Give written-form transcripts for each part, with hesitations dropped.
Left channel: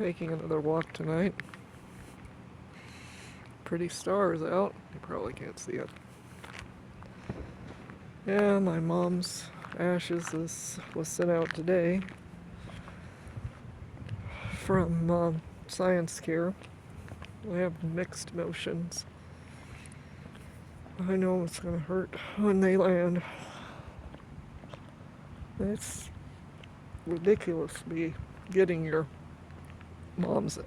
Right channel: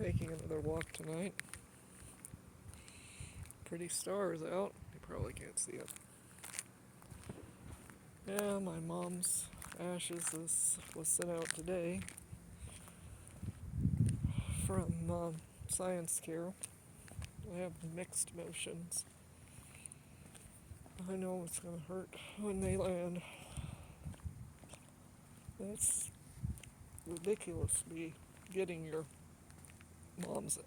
taking another walk tonight. Pretty stars out. You probably can't see it. Yeah, my mom's ashes was sent out today from Science Care. I have mixed emotions. I know it's gonna hurt when they land. It's ridiculous to be getting your mom's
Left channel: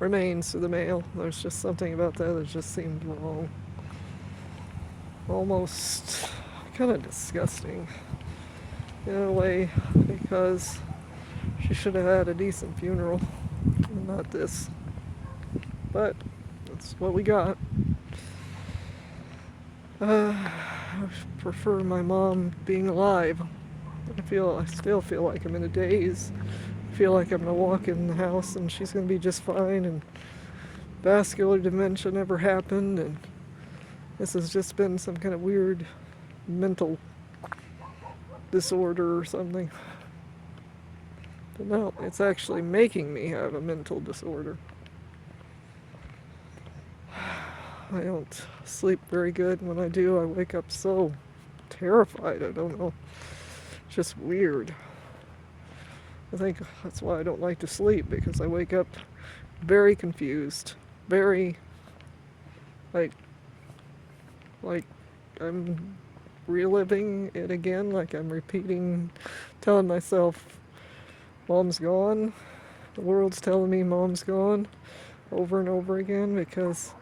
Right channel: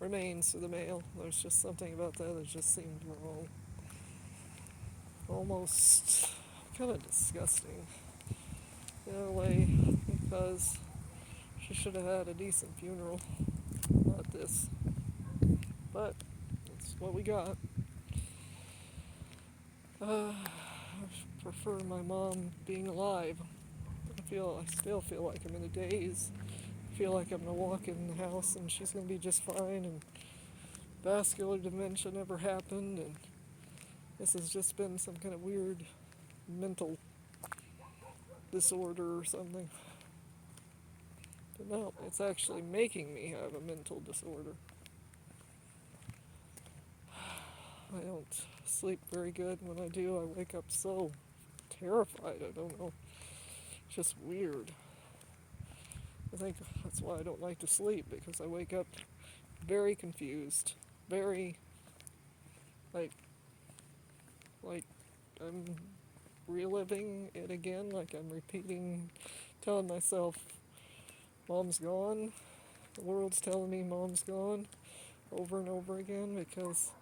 remains through the mail. There's just something about that just seemed wrong. Almost kind of disgusting in a way, because she should have had a decent funeral, not this. But that's what we got. I prefer my mom being alive. I still feel like I'm in a daze. I feel like I'm gonna walk in the house and she's gonna be just fine, and vascular dementia never happened, and this has just been some kind of weird mental disorder or something. But no, it's actually making me have a mental disorder. I don't sleep very good. When I do, I wake up so terrified. I don't know. It's just weird. I think that's why I don't like to sleep, because I wake up very confused, very like I'm reliving it again, like I'm repeating, telling myself mom's gone, the world's telling me mom's gone over and over again, because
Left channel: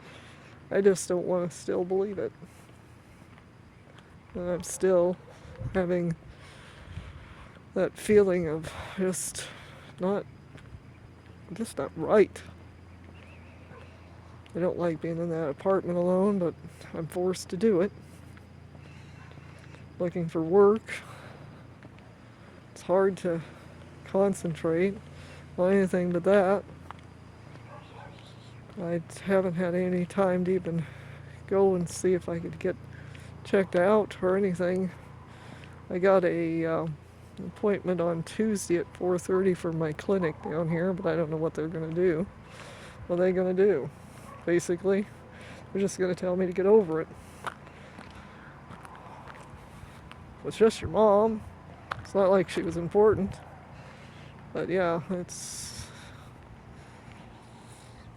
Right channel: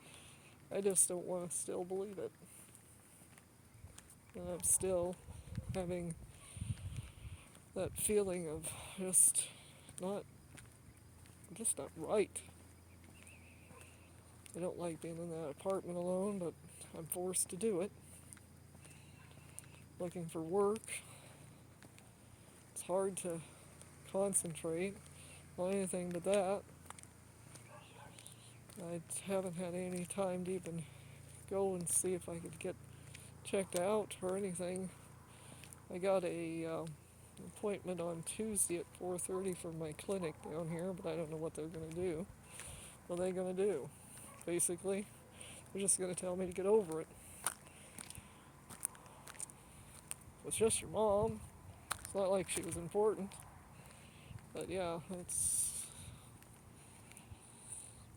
I just don't want to still believe it. And I'm still having that feeling of just not right. I don't like being in that apartment alone, but I'm forced to do it. Looking for work. It's hard to concentrate on anything but that. I haven't had any time to even go and see if I could get checked out or anything. I got a appointment on Tuesday at 4:30 for my clinic down here, but I don't know what they're going to do. What are they going to do? Basically, they're just going to tell me to get over it. It's just your mom. It's not like she was important. But yeah,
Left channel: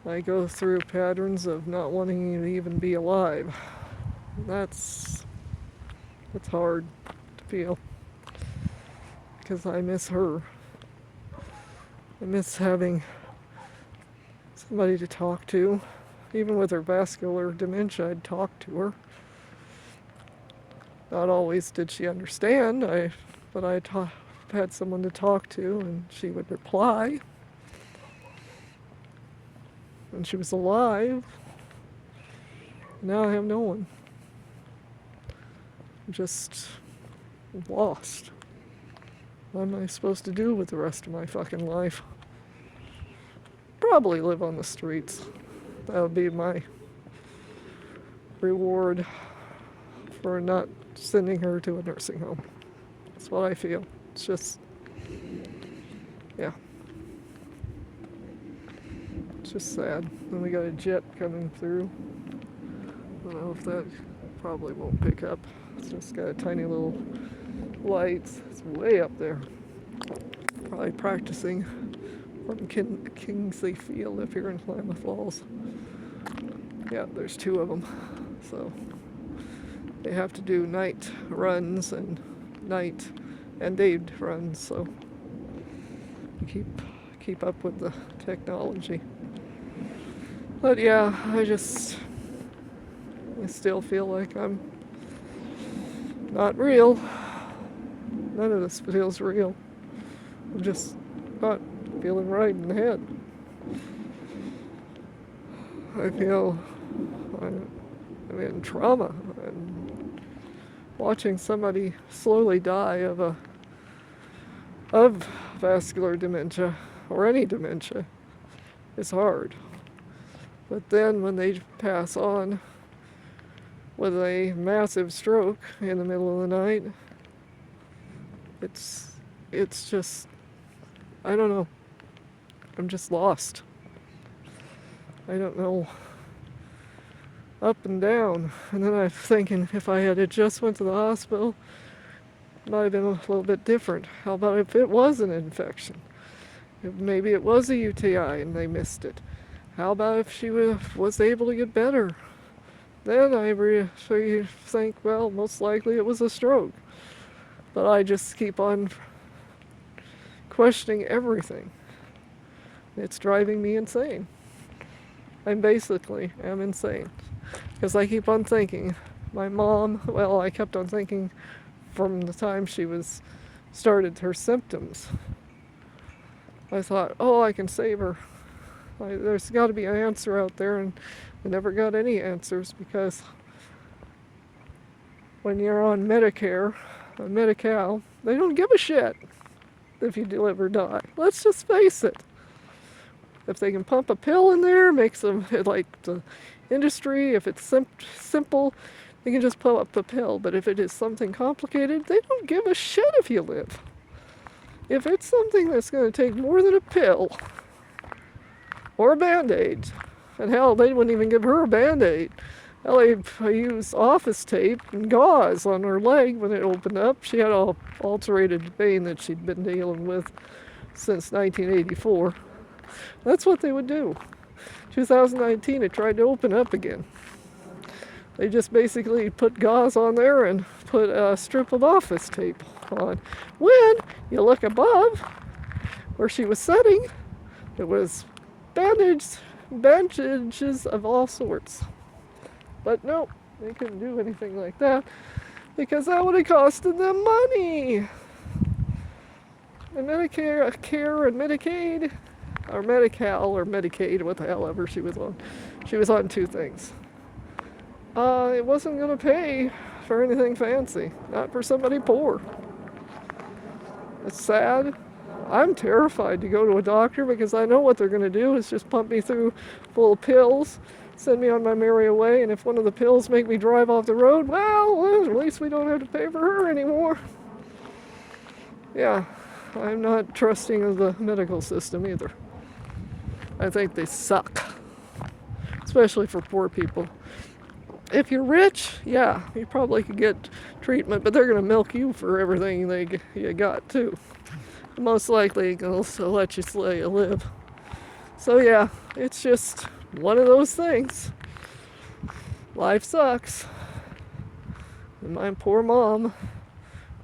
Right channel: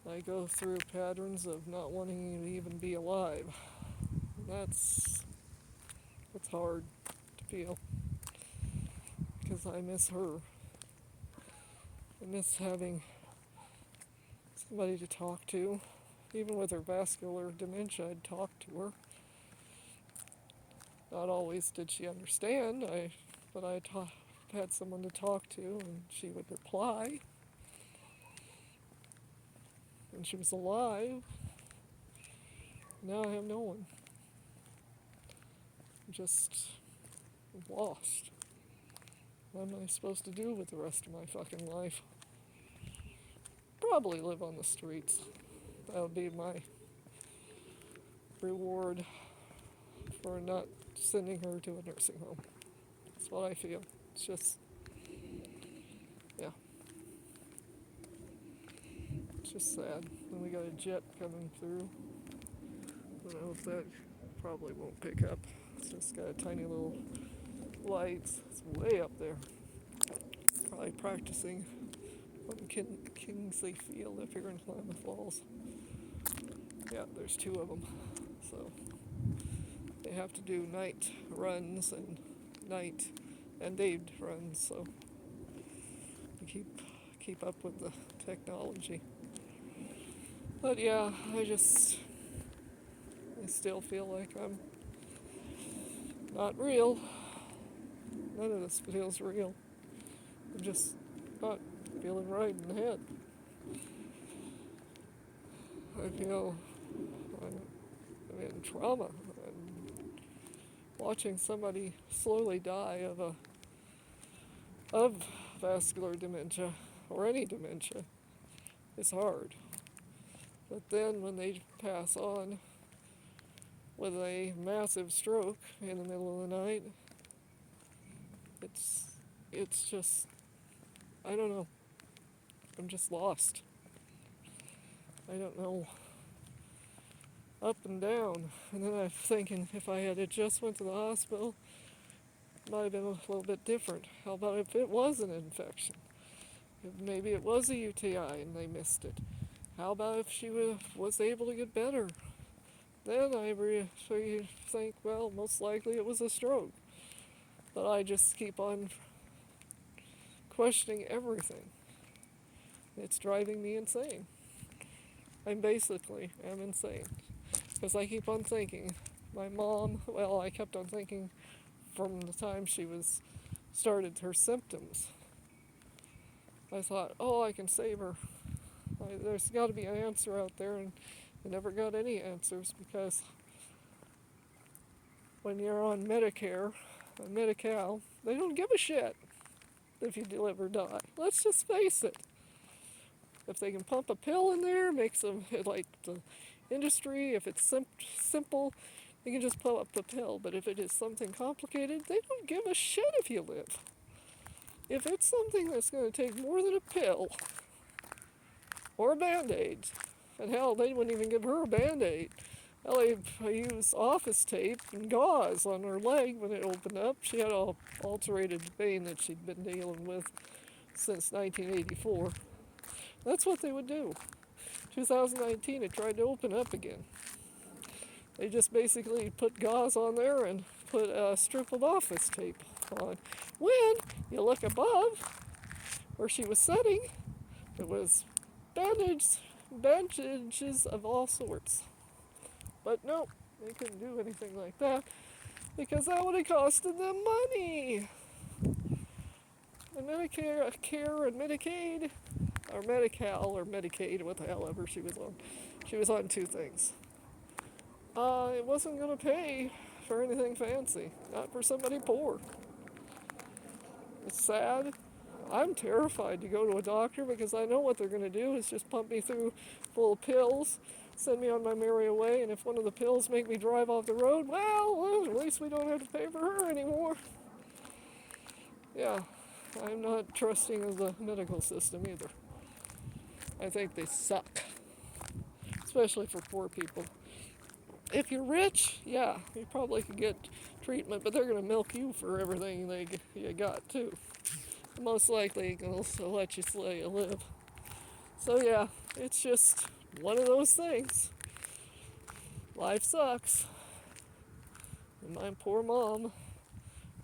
I go through patterns of not wanting to even be alive. It's hard to feel, because I miss her. I miss having somebody to talk to. Even with her vascular dementia, I'd talk to her. Not always did she understand, but I had someone to talk to, and she would reply. And she was alive. Now I have no one. I'm just lost. What am I supposed to do with the rest of my fucking life? Probably live on the streets. That would be my reward for not sending her to a nursing home. That's what I feel. It's just, yeah. It's just sad. Then we got a jet coming through. I don't know if that probably won't pick up. It's just got a tiny little lights. It's way up there. Probably practicing from Kingsley Field up here in Klamath Falls. Yeah, there's two of them. So they have to do night runs and night and day runs, so keep up with the technology. But yeah, I still feel like I'm not real. None of this feels real. I'm just not feeling right in the head. I feel I'm in trauma, and watching somebody slowly die of vascular dementia or any dementia is hard. But then when they pass on with a massive stroke in the middle of the night, it's just, I don't know. I'm just lost. I don't know, up and down. And then I'm thinking if I had just went to the hospital, it might have been a little bit different. How about if it was an infection? If maybe it was a UTI and they missed it. How about if she was able to get better? Then I think, well, most likely it was a stroke. But I just keep on questioning everything. It's driving me insane. I basically am insane. Because I keep on thinking, my mom, well, I kept on thinking from the time she started her symptoms. I thought, oh, I can save her. There's got to be an answer out there, and I never got any answers because when you're on Medicare, on Medi-Cal, they don't give a shit if you live or die. Let's just face it. If they can pump a pill in there, makes them like the industry. If it's simple, they can just pump up a pill. But if it is something complicated, they don't give a shit if you live. If it's something that's going to take more than a pill or a Band-Aid, and hell, they wouldn't even give her a Band-Aid. Hell, I used office tape and gauze on her leg when it opened up. She had an ulcerated vein that she'd been dealing with since 1984. That's what they would do. 2019, it tried to open up again. They just basically put gauze on there and put a strip of office tape on. When you look above where she was sitting, it was bandages of all sorts. But no, they couldn't do anything like that because that would have costed them money. And Medicare and Medicaid, or Medi-Cal or Medicaid, what the hell ever she was on. She was on two things. It wasn't going to pay for anything fancy, not for somebody poor. It's sad. I'm terrified to go to a doctor because I know what they're going to do is just pump me through full of pills, send me on my merry way, and if one of the pills make me drive off the road, well, at least we don't have to pay for her anymore. Yeah, I'm not trusting of the medical system either. I think they suck, especially for poor people. If you're rich, yeah, you probably could get treatment, but they're going to milk you for everything you got too. Most likely they'll let you live. So yeah, it's just one of those things. Life sucks. And my poor mom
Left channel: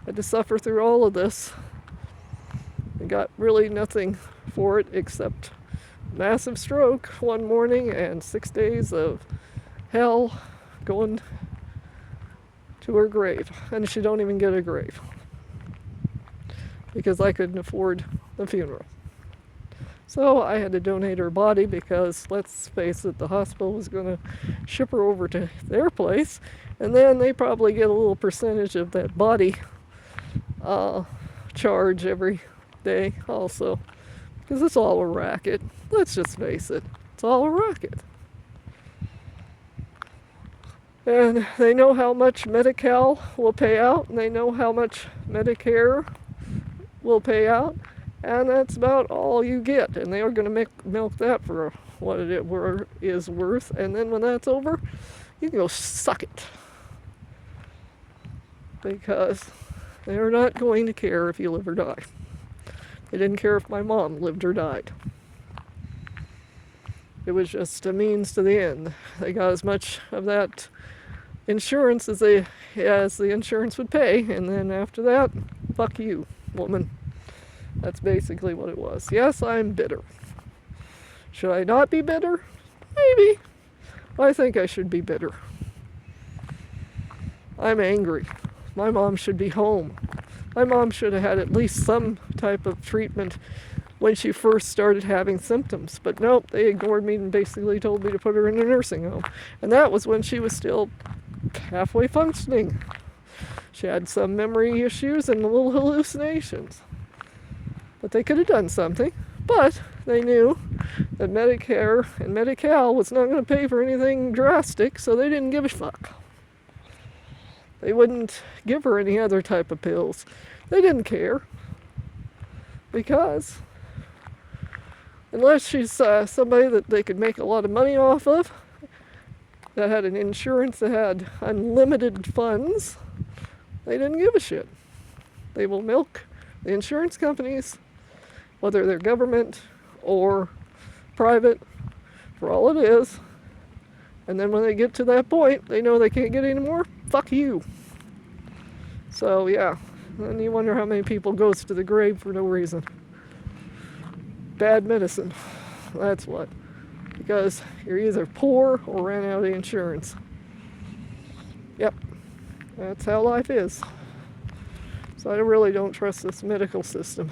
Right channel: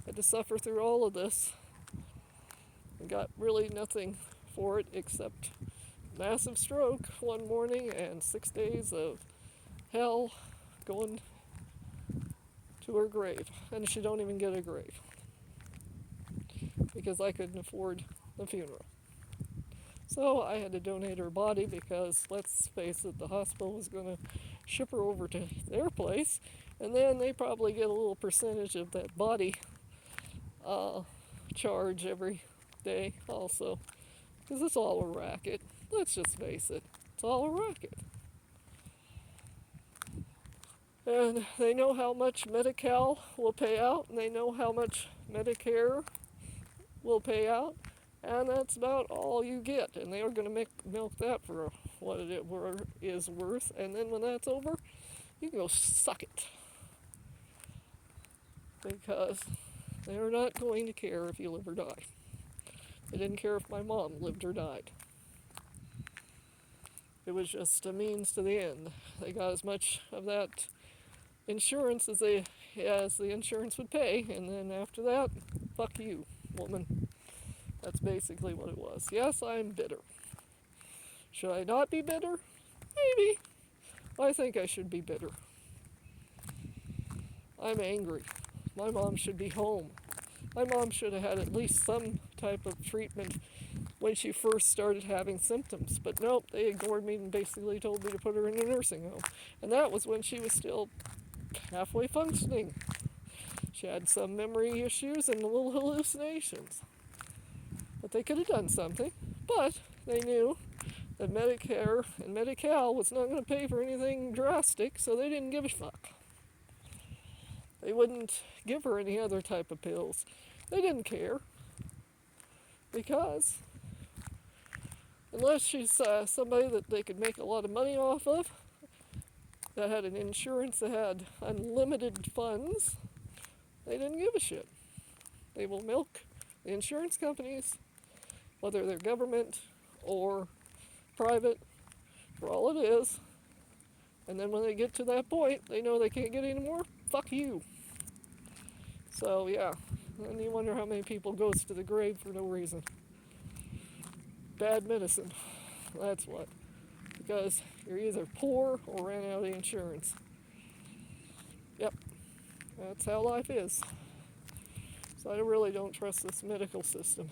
had to suffer through all of this and got really nothing for it except massive stroke one morning and 6 days of hell going to her grave. And she don't even get a grave because I couldn't afford the funeral. So I had to donate her body because, let's face it, the hospital was going to ship her over to their place, and then they probably get a little percentage of that body charge every day also, because it's all a racket. Let's just face it, it's all a racket. And they know how much Medi-Cal will pay out, and they know how much Medicare will pay out, and that's about all you get. And they are going to milk that for what it is worth, and then when that's over, you can go suck it. Because they are not going to care if you live or die. They didn't care if my mom lived or died. It was just a means to the end. They got as much of that insurance as the insurance would pay, and then after that, fuck you, woman. That's basically what it was. Yes, I'm bitter. Should I not be bitter? Maybe. I think I should be bitter. I'm angry. My mom should be home. My mom should have had at least some type of treatment when she first started having symptoms. But nope, they ignored me and basically told me to put her in a nursing home. And that was when she was still halfway functioning. She had some memory issues and little hallucinations. But they could have done something. But they knew that Medicare and Medi-Cal was not going to pay for anything drastic, so they didn't give a fuck. They wouldn't give her any other type of pills. They didn't care. Because unless she's somebody that they could make a lot of money off of, that had an insurance that had unlimited funds, they didn't give a shit. They will milk the insurance companies, whether they're government or private, for all it is. And then when they get to that point, they know they can't get any more. Fuck you. So yeah, and you wonder how many people goes to the grave for no reason. Bad medicine. That's what. Because you're either poor or ran out of insurance. Yep. That's how life is. So I really don't trust this medical system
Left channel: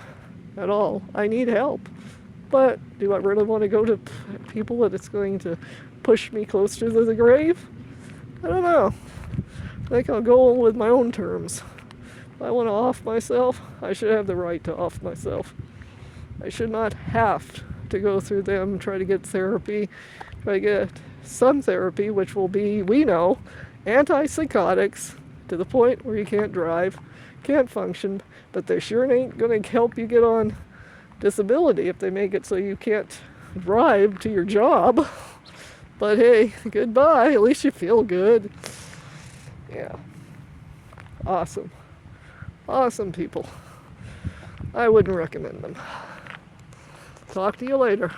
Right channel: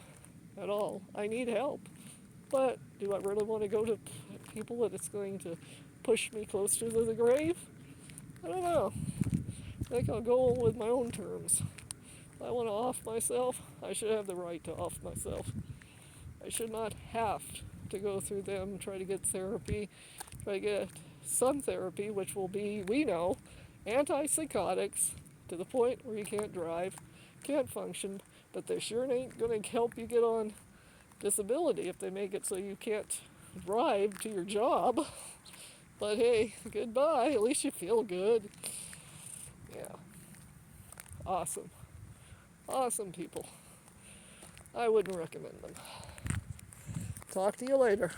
at all. I need help. But do I really want to go to people that it's going to push me closer to the grave? I don't know. I think I'll go on with my own terms. If I want to off myself, I should have the right to off myself. I should not have to go through them, try to get therapy, try to get some therapy, which will be, we know, antipsychotics to the point where you can't drive, can't function, but they sure ain't going to help you get on disability if they make it so you can't drive to your job. But hey, goodbye, at least you feel good. Yeah. Awesome. Awesome people. I wouldn't recommend them. Talk to you later.